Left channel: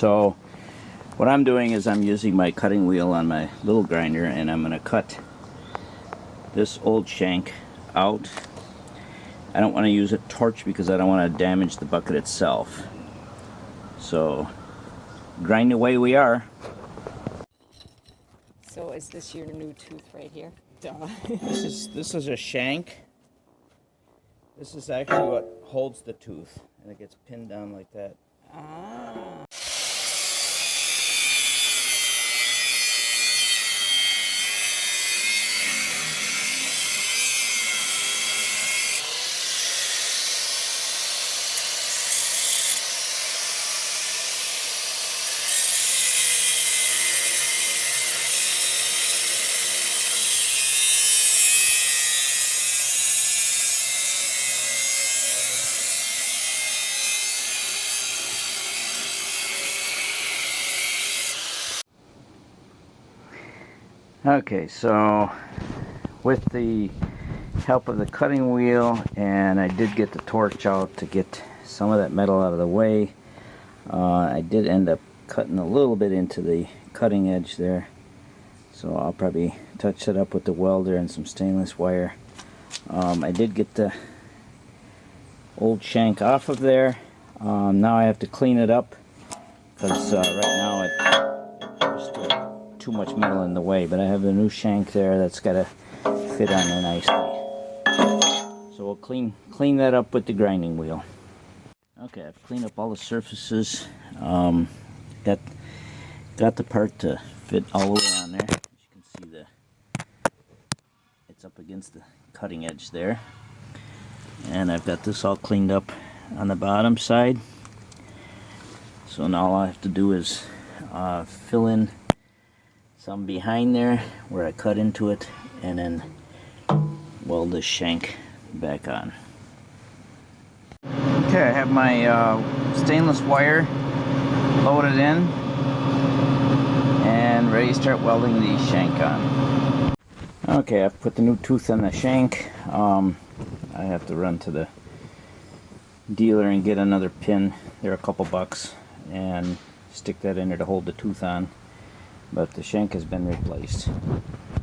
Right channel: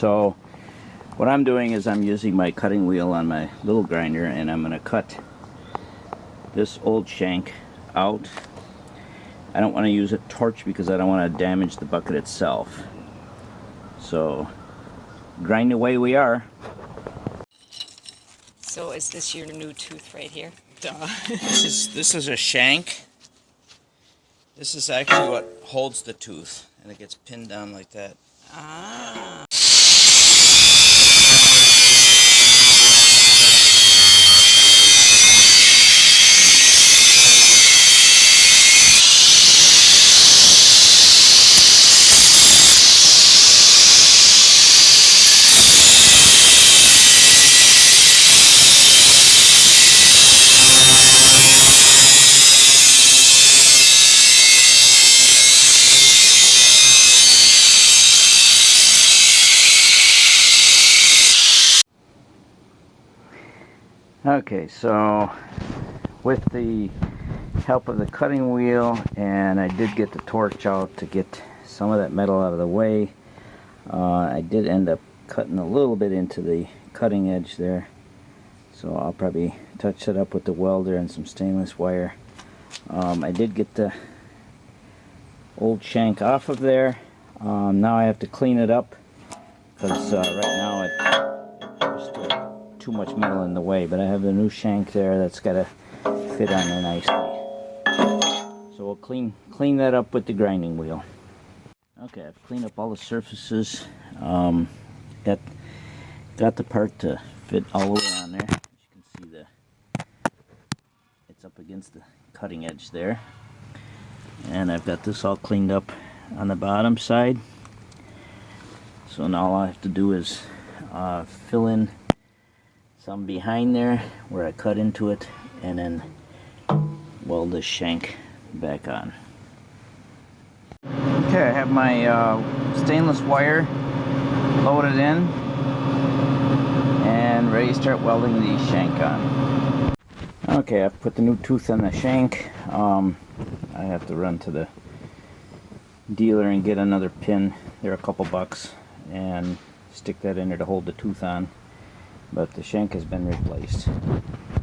So what I'm doing is I'm using my cutting wheel on my little grinder, and I'm going to cut this old shank out. I don't want to use a torch because I don't want to damage the bucket itself. So grind away we are. So is this your new tooth right here? Duh. This is a shank. This is actually what holds the tooth, and it gets pinned down like that. Ah. Okay, so with the help of the cutting wheel, and I did get the torch out to get some of that metal out of the way, I did end up cutting a little bit into the cutting edge there. So I'll probably touch it up with the welder and some stainless wire. I did get the old shank off of there. Now I have to clean it up because right now there's still too much metal in the way, but I have the new shank there that's got to fit on there nicely. So we'll clean that up with the grinding wheel. Okay, I've cleaned up all the surfaces. Got the part to fit all the way on there. As you can see, it's up against the cutting edge there. And I've got this all cleaned up on the bottom side. So now all I have to do is fill in some behind there where I cut into it, and then weld this shank back on. Okay, I have my stainless wire loaded in and ready to start welding the shank on. Okay, I've put the new tooth on the shank. I have to run to the dealer and get another pin. They're a couple bucks, and stick that in there to hold the tooth on. But the shank has been replaced.